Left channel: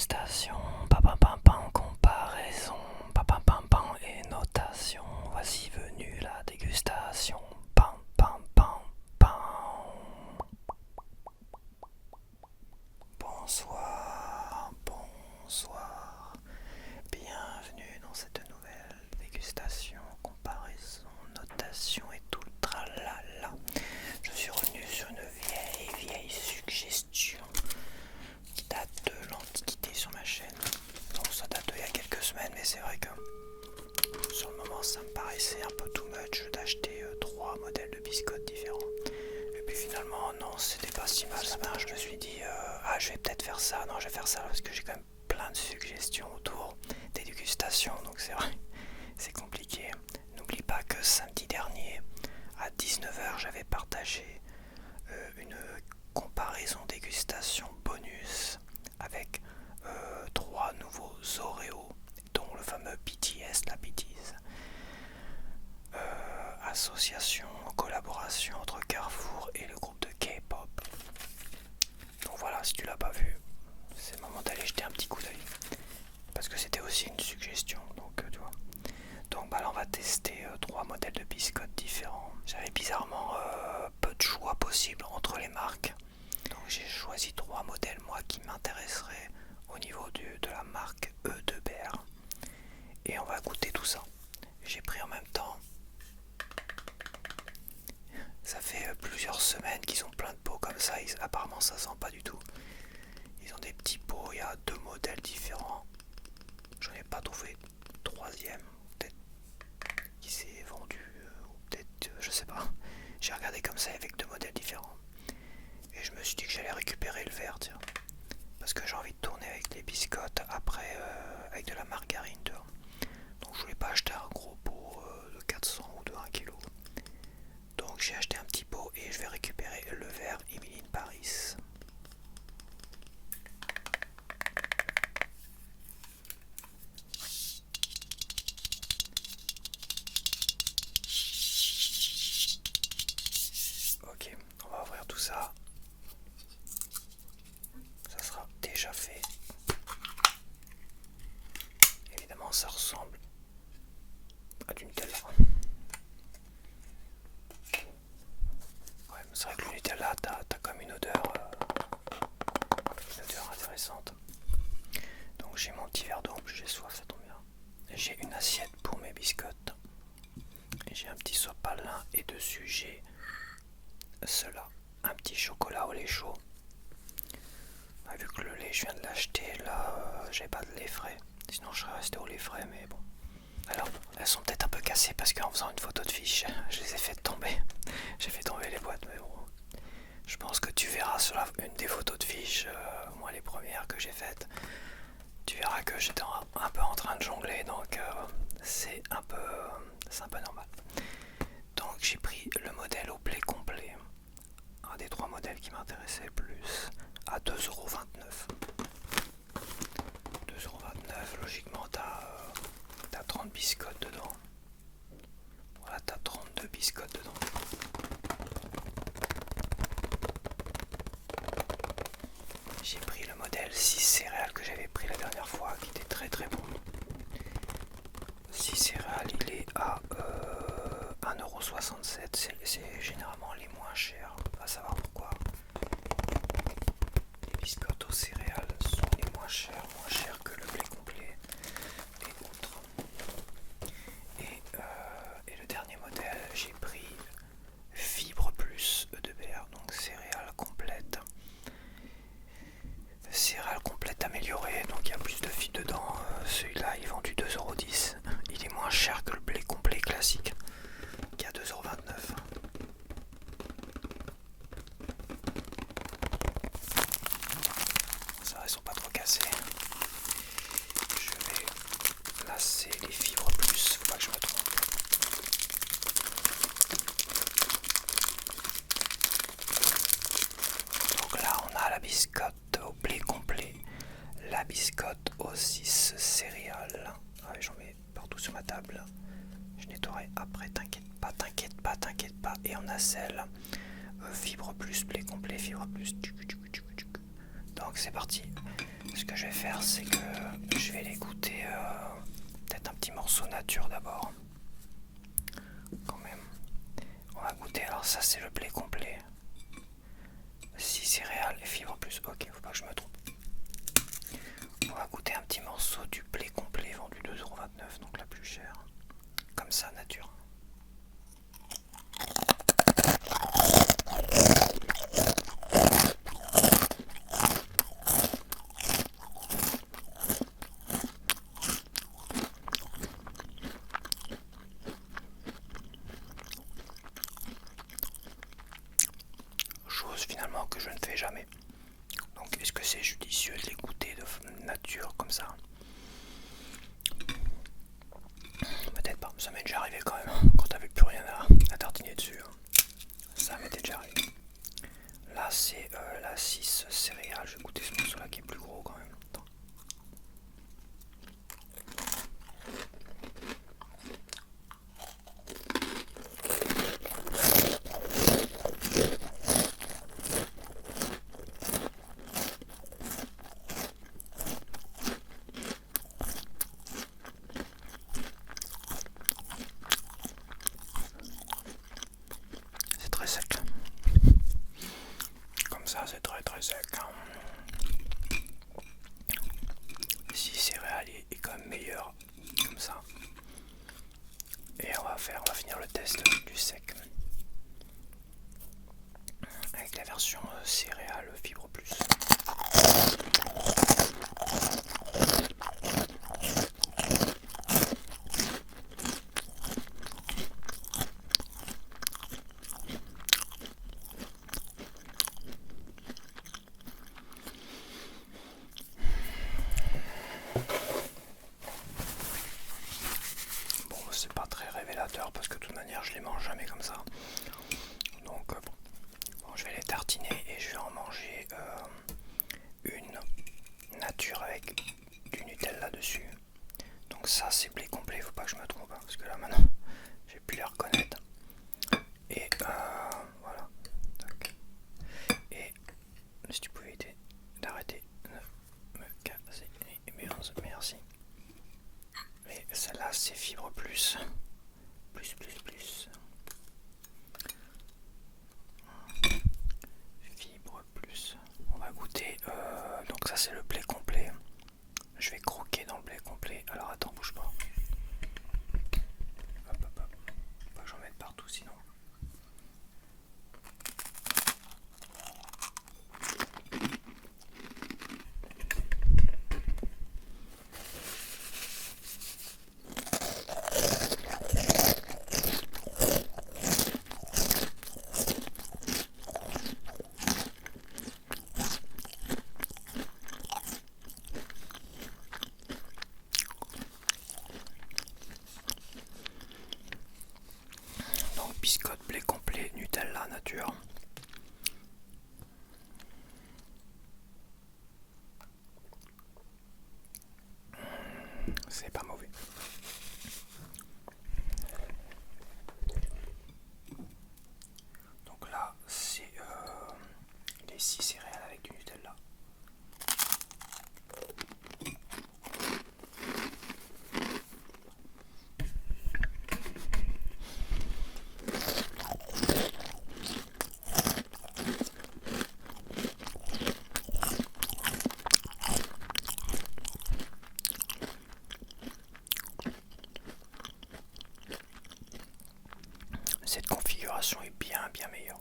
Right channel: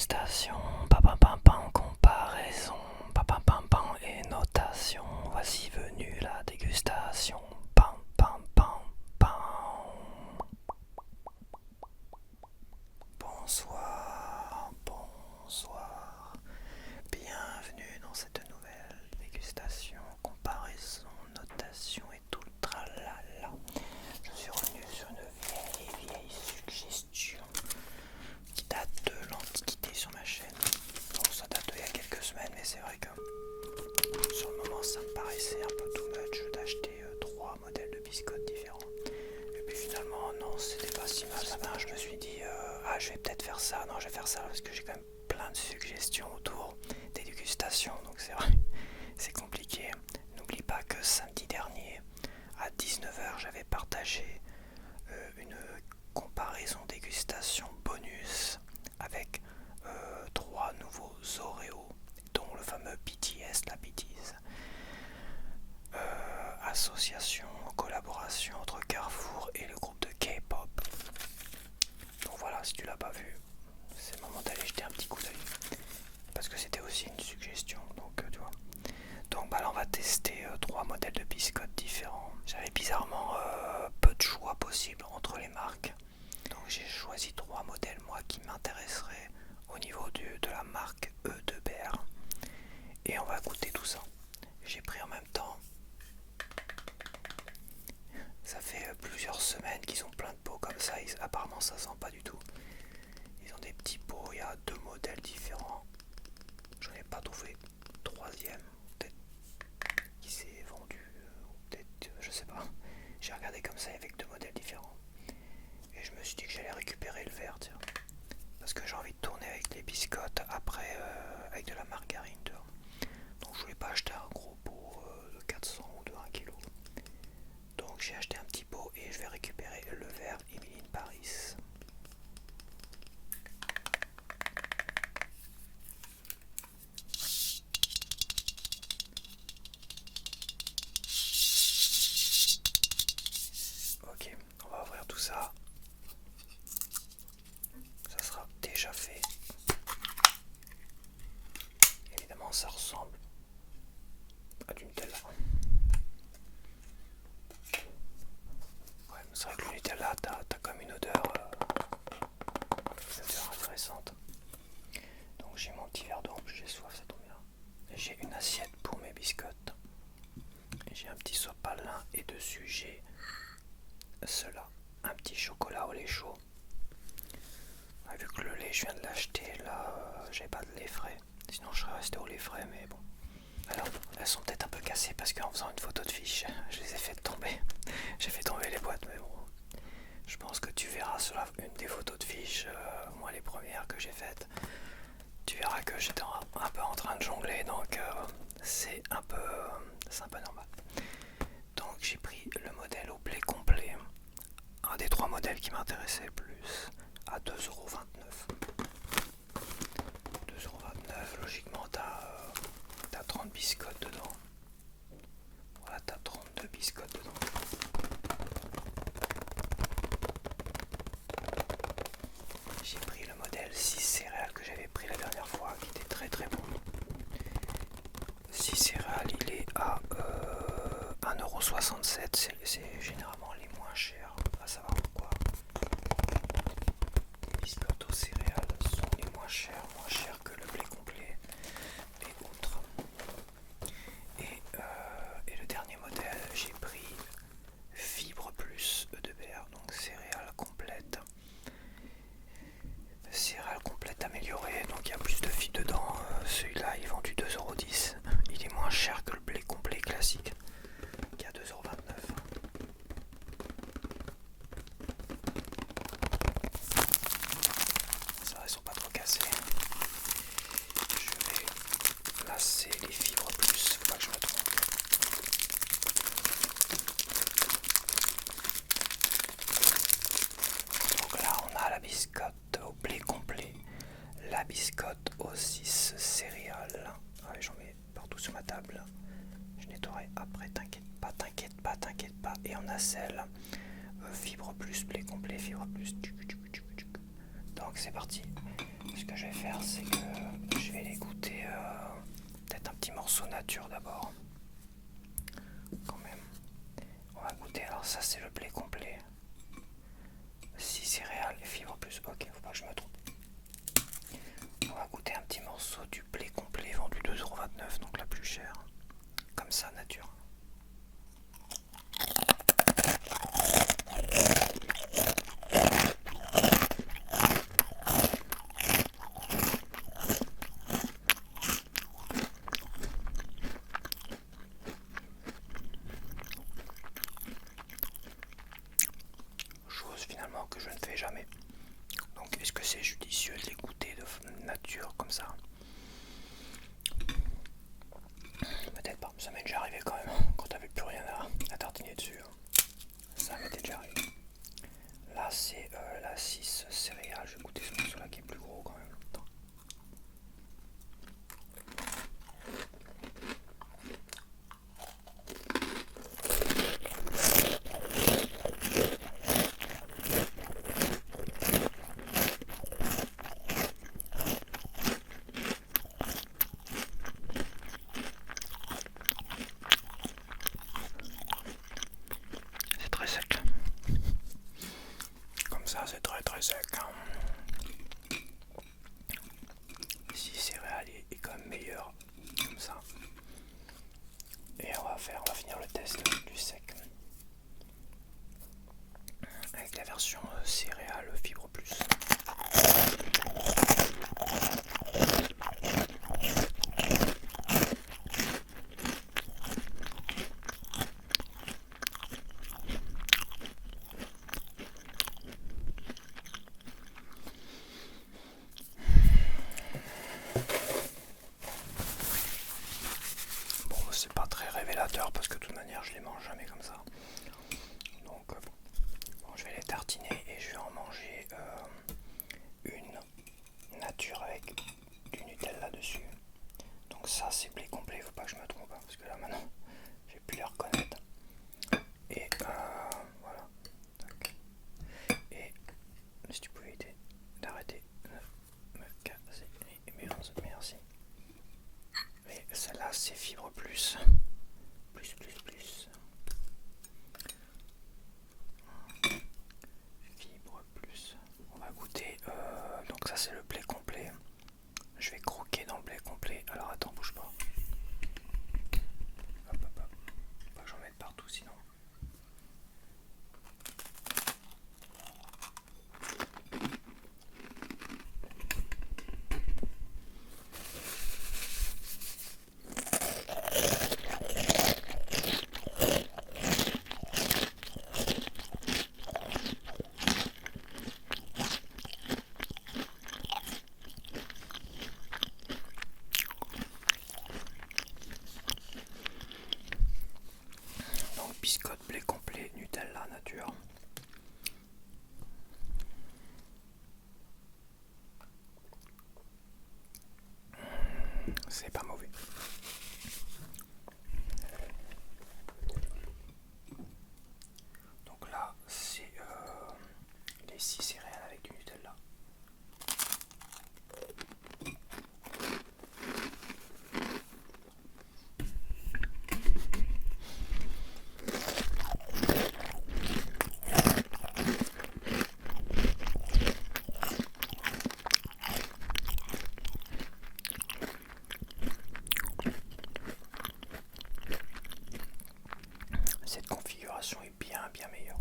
Dégustation, pam pam pam, comparaison, pam pam pam pam et notation. Voici venue la dégustation. Pam pam pam pam. Bonsoir, bonsoir. Bienvenue dans cette nouvelle dégustation, comparaison, notation et tout le tralala. Je suis revenu sur une vieille suggestion qui date de l'Antiquité sur ma chaîne. Bon, ça date d'il y a quelques semaines, mais c'est vrai que sur le moment ça me paraissait un peu too much d'acheter 3 modèles de biscottes différents. Et puis finalement, non, c'était pas si mal. Je me suis dit, je vais peut-être faire ça. Non, je vais faire ça parce que j'ai quand même plein de suggestions autour des dégustations. Donc c'est vrai, c'est compliqué. N'oublie pas que samedi dernier, à 19h, j'avais partagé une comparaison dégustation bonus avec 3 nouveaux Oreos, dont le fameux BTS, la BTS. Association, collaboration entre Carrefour et le groupe de K-pop. Donc voilà, si tu l'as pas vu, c'est le moment d'aller jeter un petit coup d'œil. Parce que c'était aussi une suggestion, donc tu vois. Donc là on va tester 3 modèles de biscottes différents. J'avais bizarrement peu de choix possibles entre les marques. Donc j'ai choisi 3 modèles moi qui m'intéresseraient au niveau de la marque E2BR. Et on va goûter tout ça. J'ai pris en même temps. Ça fait plusieurs semaines qu'ils ont plein de pots comme ça. Apparemment ça sent pas du tout. Ils ont des petits pots, il y a 2 modèles différents. J'en ai pas trouvé troisième. Peut-être qui s'est vendu. Ou peut-être, je sais pas. J'ai regardé comme ça avec 2 modèles différents. Et je me suis dit que j'allais récupérer le verre, tiens. Parce que j'ai envie de tourner avec les biscottes après avec de la margarine, tu vois. Donc je voulais pas acheter un gros pot de 400 ou de 1 kg. Donc j'ai acheté un petit pot et je vais récupérer le verre Emily in Paris. Ok, on va ouvrir tout ça. Ça sera déjà fait. Évidemment ça ressemble à du Nutella. Ouais, c'est vrai que le Nutella, t'as comme une odeur intéressante. Donc j'ai mon petit verre d'eau, en plus j'ai soif, ça tombe bien. J'ai une assiette pour mes biscottes. J'ai un petit sopalin et dessus j'ai cela, un petit chocolat au lait chaud. Vu que le lait je viens de l'acheter, là j'ai pas de lait frais. Sinon je serais resté au lait frais, mais bon. Alors elles sont peut-être un peu cassées parce qu'en faisant une photo de fiche, je les ai fait tomber. J'ai fait tomber les boîtes, mais bon. Je pense que tu verras sur une des photos de fiche, moi les premières que j'ai faites, tu verras que j'étais un peu en train de jongler, donc c'est un peu normal. Donc j'ai pris le modèle au blé complet, un des 3 modèles qui m'intéressait le plus, à 2,29 €. 2,29 €, logiquement t'as 30 biscottes dedans. Voilà, t'as 32 biscottes dedans. J'ai pris le modèle 6 céréales que j'avais pris la dernière fois, qui était très très bon. 6 céréales, il est à 1,67 €. C'est généralement les moins chers, à savoir pourquoi. Les biscottes aux céréales sont les moins chers que le blé complet et autres. Et le dernier modèle, j'ai pris Fibre Plus E2BR, donc céréales complètes. Céréales complètes améliorées, donc il y a plus de fibres dedans. Celui-là il est vendu 2,10 €. Il est moins cher que le blé complet classique qui est à 2,29 €. Ça va, ils sont pas trop cassés. Je vais lasser les fibres plus, faut pas que je me trompe. Donc là on a la biscotte au blé complet, la biscotte aux 6 céréales. J'en mets partout sur ma table. Je nettoierai après, t'inquiète pas. Et on a celle fibre plus, blé complet, fibre plus. Donc que c'est parti, ce que je vais faire, c'est que je vais les goûter peut-être un petit morceau nature d'abord. Quand même. On va goûter, alors ça c'est le blé complet. 6 céréales et fibres plus. Ok, faut pas que je me trompe. On va goûter un petit morceau du blé complet vendu 2,29 €, donc la plus chère. Comme ça, nature. Chose finalement que je ne fais jamais. Donc est-ce que c'est judicieux de les goûter de nature comme ça? Peut-être pas, ça m'est déjà arrivé quand même, quand t'avais plus rien à tartiner dessus. Ça m'était déjà arrivé. Là c'est la 6 céréales, je vais goûter ce morceau là qui est plus gros quand même. Attends. C'est très sec. Comme ça c'est très très sec. Si céréales est quand même meilleur comme ça. Et on va finir le test du sec avec la version céréales fibre plus. Bon, c'est pas très révélateur parce que de toute manière je les mange jamais comme ça. Donc bon, je vais les tartiner et je vais en manger une nature avec du Nutella dessus. Donc ça c'est blé complet, faut pas que je me trompe parce que là maintenant je vais plus les reconnaître. Et voilà. Tac. Et si tu pouvais éviter d'arrêter de me casser les murs, merci. Et celle-là c'est fibre plus. Plus. Fibre plus. On va goûter. Donc ça c'est le blé complet. Je vais croquer dans le blé complet. Alors attends, bouge pas. Hop. Faut pas que j'en mette partout sinon. Donc biscotte, blé complet, Nutella nature. C'est pas mauvais. Donc là c'est les 6 céréales avec du Nutella. Cette configuration est bien meilleure.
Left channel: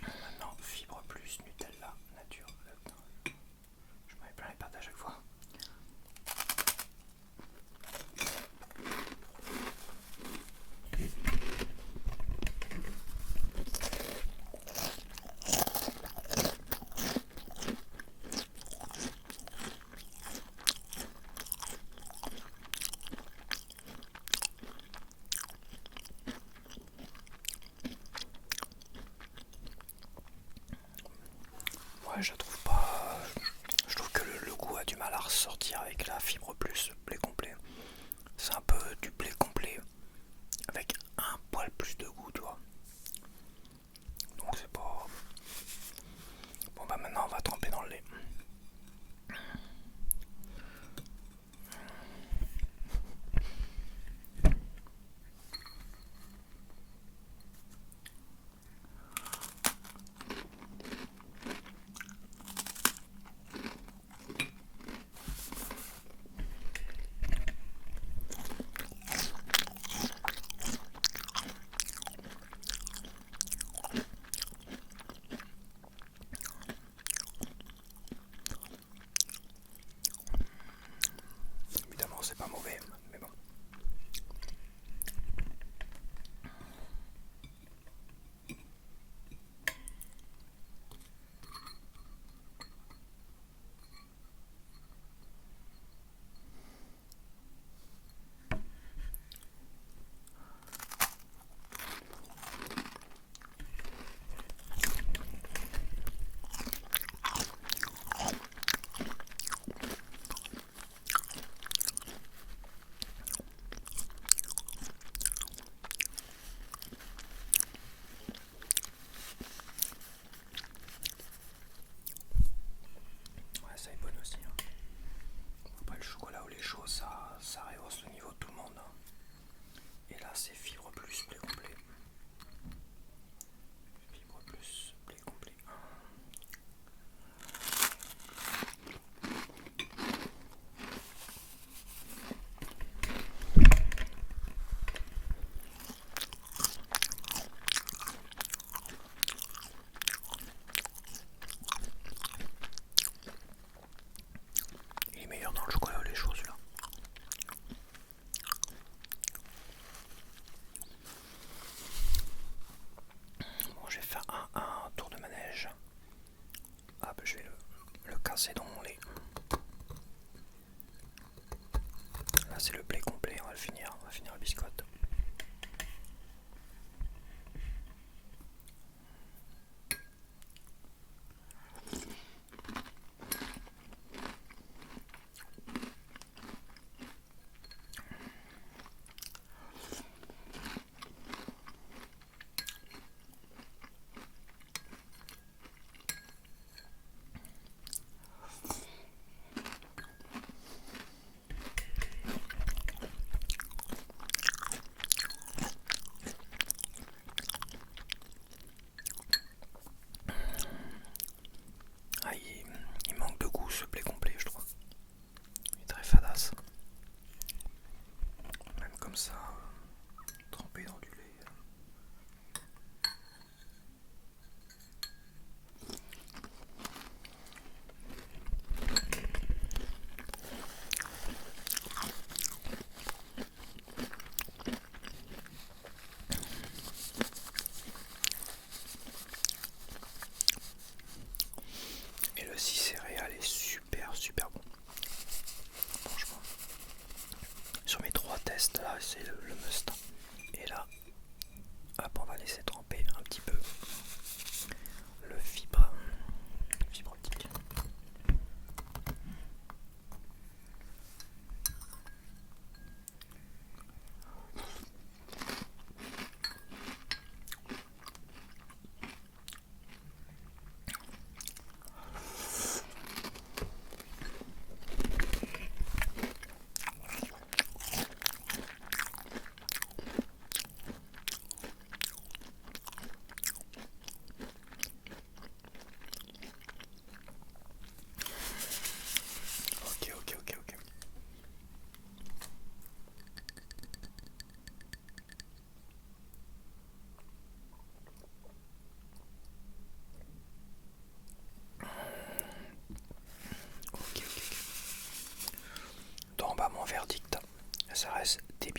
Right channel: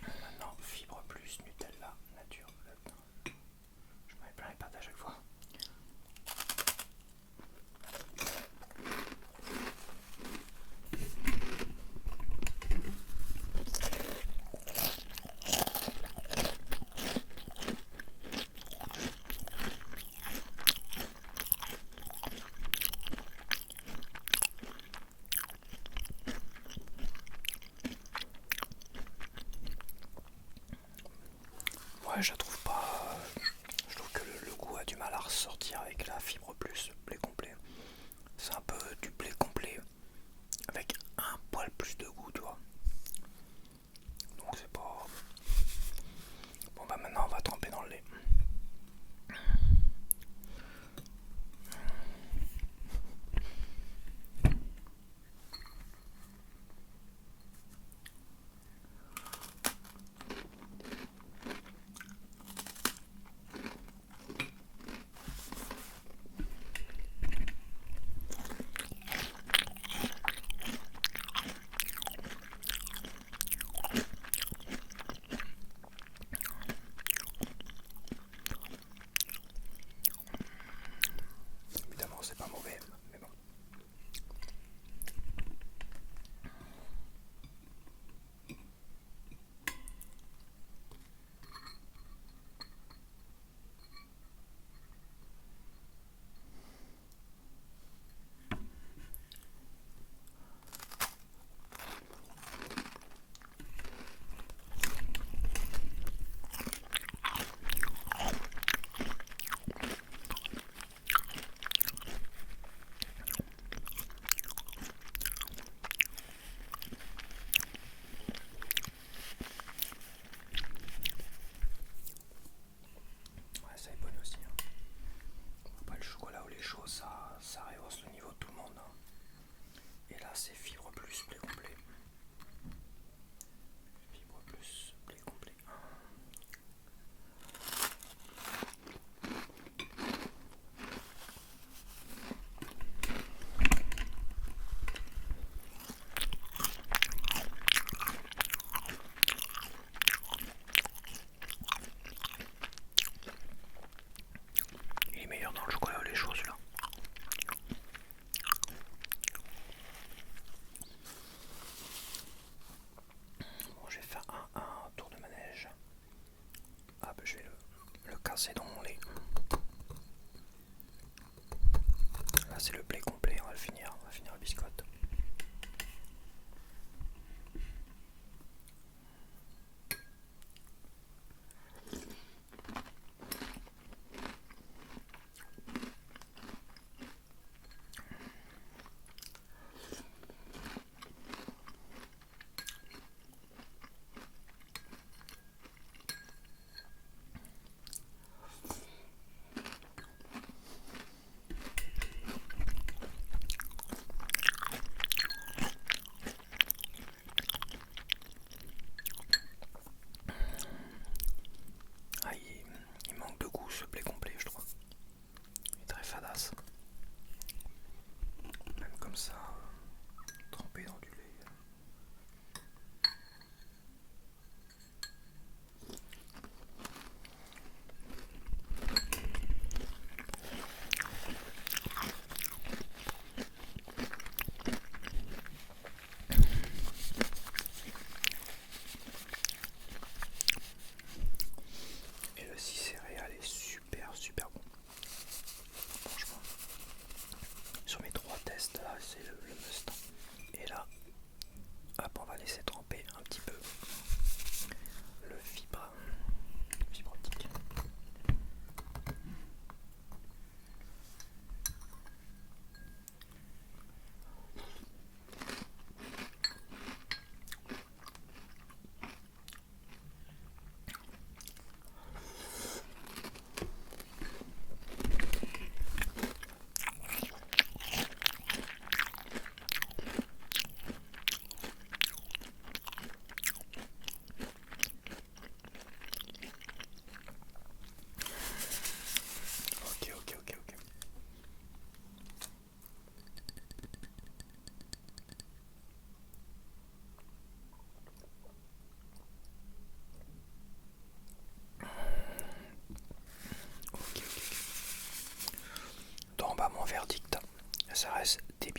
Maintenant, fibre plus, Nutella, nature. Je m'en mets plein les pattes à chaque fois. Ouais, je trouve pas. Je trouve que le goût a du mal à ressortir avec la fibre plus blé complet. C'est un peu du blé complet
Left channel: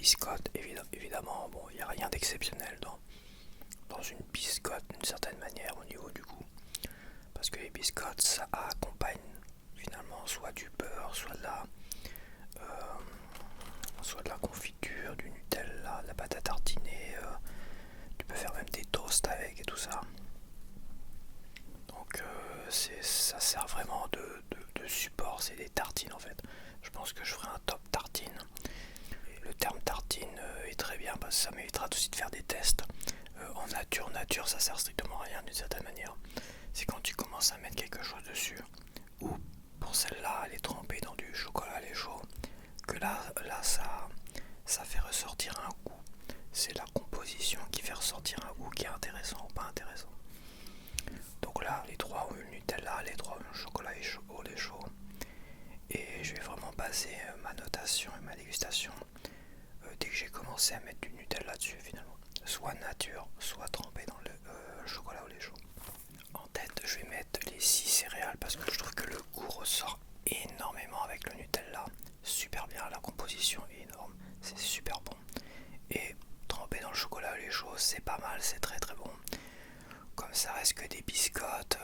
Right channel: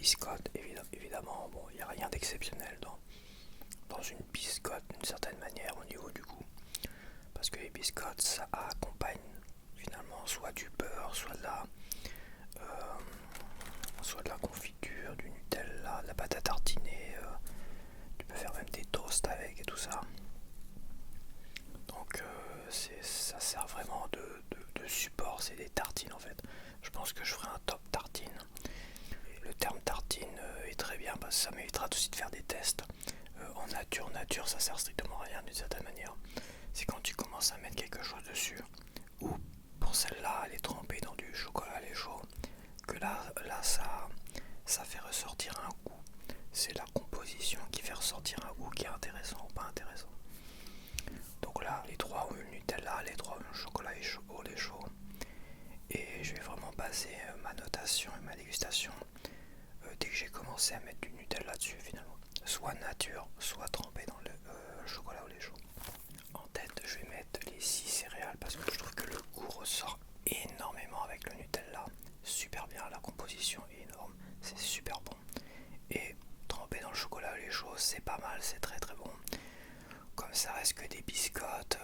biscottes, évidemment, bon, il n'y a rien d'exceptionnel dans une biscotte d'une certaine manière au niveau du goût. Parce que les biscottes, ça accompagne finalement soit du beurre, soit de la confiture, du Nutella, de la pâte à tartiner. Tu peux faire même des toasts avec et tout ça. Donc ça sert vraiment de support, c'est des tartines en fait. Je pense que je ferai un top tartine. Le terme tartine est très bien parce que ça m'évitera aussi de faire des tests. En nature, ça sert strictement à rien d'une certaine manière. C'est quand tu commences à mettre quelque chose dessus, ou pour celle-là, elle est trempée dans du chocolat lait chaud, que là ça fait ressortir un goût. C'est la composition qui fait ressortir un goût qui est intéressant ou pas intéressant. Donc là, les trois ont eu le Nutella, les trois ont eu le chocolat au lait chaud. Et je vais vraiment baser ma notation et ma dégustation dès que j'ai commencé à mettre du Nutella dessus finalement. Soit nature, soit trempé dans le chocolat au lait chaud. En tête, je vais mettre les 6 céréales parce que je trouve que le goût ressort énormément avec le Nutella. Super bien, la composition est énorme, c'est super bon. Et trempé dans le chocolat au lait chaud, c'est pas mal, c'est très très bon. Comme ça reste que des biscottes,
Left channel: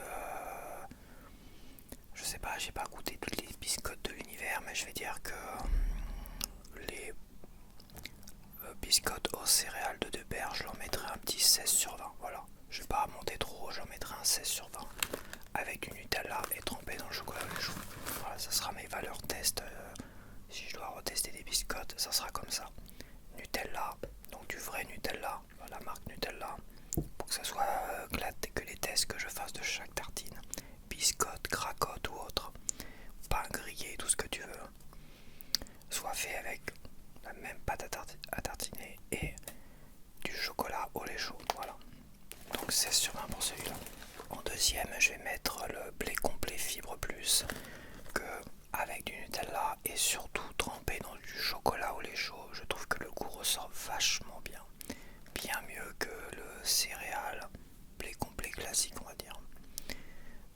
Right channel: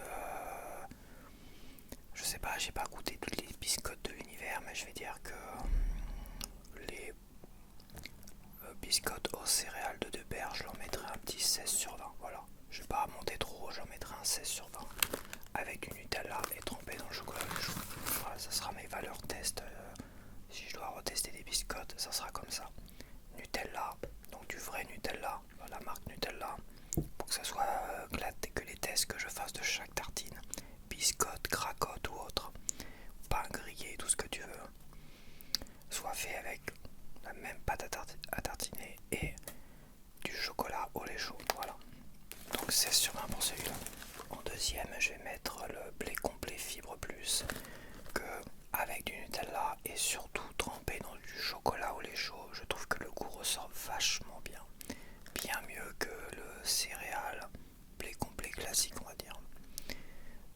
je sais pas, j'ai pas goûté toutes les biscottes de l'univers, mais je vais dire que les biscottes aux céréales de Debert, je leur mettrai un petit 16/20. Voilà, je vais pas monter trop haut, j'en mettrai un 16/20 avec du Nutella et trempé dans le chocolat au lait chaud. Voilà, ça sera mes valeurs test. Si je dois retester des biscottes, ça sera comme ça. Nutella, donc du vrai Nutella, la marque Nutella, pour que ça soit que les tests que je fasse de chaque tartine, biscotte, cracotte ou autre, pain grillé, tout ce que tu veux, soit fait avec la même pâte à tartiner et du chocolat au lait chaud. Voilà. Donc 16/20 pour celui-là. En deuxième, je vais mettre le blé complet fibre plus que avec du Nutella et surtout trempé dans du chocolat au lait chaud. Je trouve que le goût ressort vachement bien. Bien mieux que le céréal blé complet classique, on va dire.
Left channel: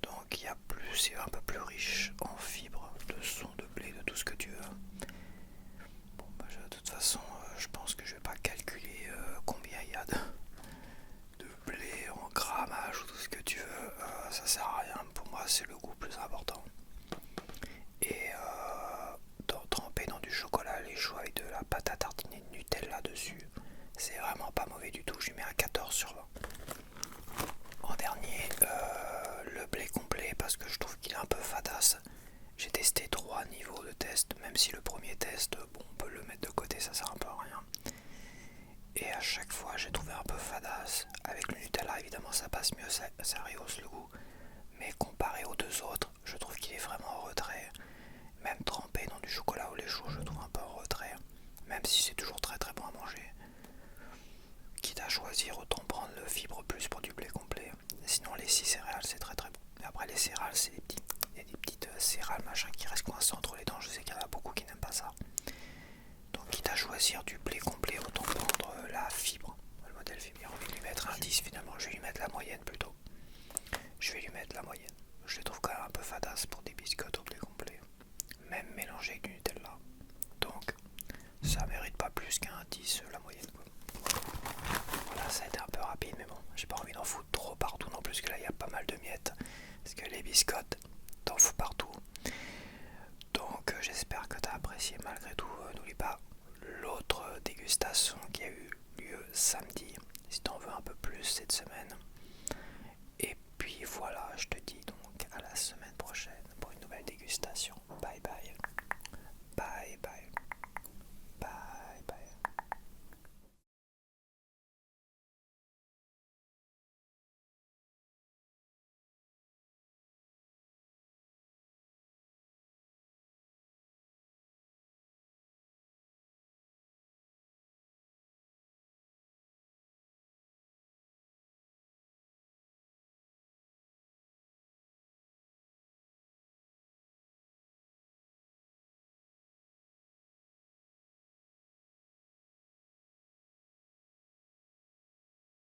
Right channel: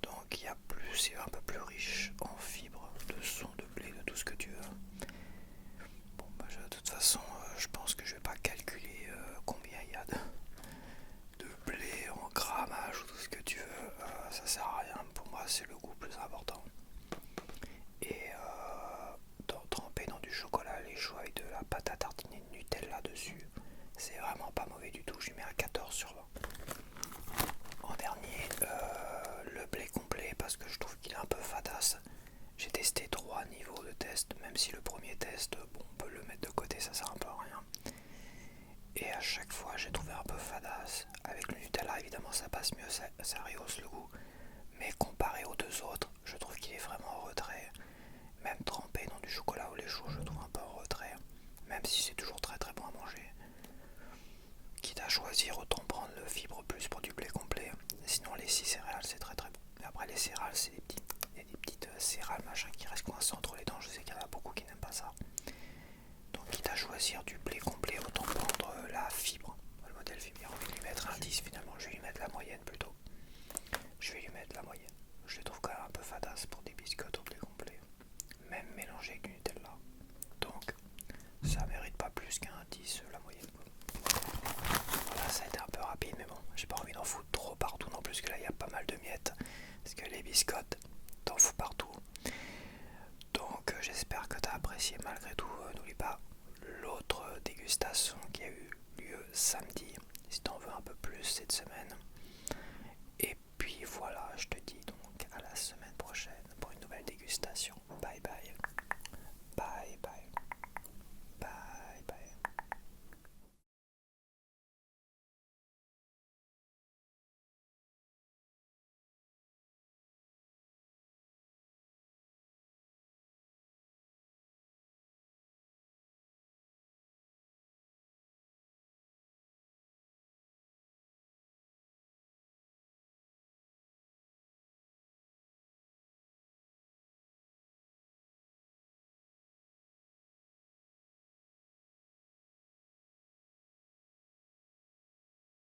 Donc il y a plus, c'est un peu plus riche en fibres, de son, de blé, de tout ce que tu veux. Bon, bah, de toute façon, je pense que je vais pas calculer combien il y a de blé en grammage ou tout ce que tu veux. Ça sert à rien. Pour moi, c'est le goût plus important. Et trempé dans du chocolat lait chaud avec de la pâte à tartiner de Nutella dessus, c'est vraiment pas mauvais du tout. Je lui mets un 14/20. En dernier, le blé complet parce que je trouve qu'il est un peu fadasse. J'ai testé 3 niveaux de test, même si le premier test, bon, on peut le mettre de côté, ça sert un peu à rien. Et à chaque fois, j'ai trouvé un peu fadasse. Avec le Nutella, évidemment, ça passe mieux, ça rehausse le goût. Mais comparé aux deux autres, je trouve qu'il est vraiment en retrait. Même trempé dans du chocolat au lait chaud, je trouve un peu en retrait. Même si c'est toujours très très bon à manger. Quitte à choisir, autant prendre le fibre plus pour du blé complet. Sinon, les 6 céréales, c'est très très bon. Et après, les céréales, c'est des petites céréales machin qui restent coincées entre les dents. Je sais qu'il y en a beaucoup qui n'aiment pas ça. Donc, quitte à choisir du blé complet, autant prendre la fibre. Le modèle fibre, j'ai envie de lui mettre un 10 finalement. Je vais lui mettre la moyenne plutôt. Je vais lui mettre la moyenne. Je les trouve quand même un peu fadasse pour des biscottes au blé complet. Même mélangé avec du Nutella. Donc, ça mérite pas plus qu'un 10 la moyenne. Voilà, ça a été un peu rapide, mais bon, j'ai pas envie d'en foutre trop partout non plus, que là il y a pas mal de miettes. Parce que les biscottes, t'en fous partout. Donc, j'espère que t'as apprécié malgré tout. N'oublie pas l'autre dégustation qui a eu lieu samedi, si t'en veux un peu plus cette semaine. Et puis voilà, je te dis donc à la semaine prochaine pour une nouvelle dégustation. Bye bye. Bye bye.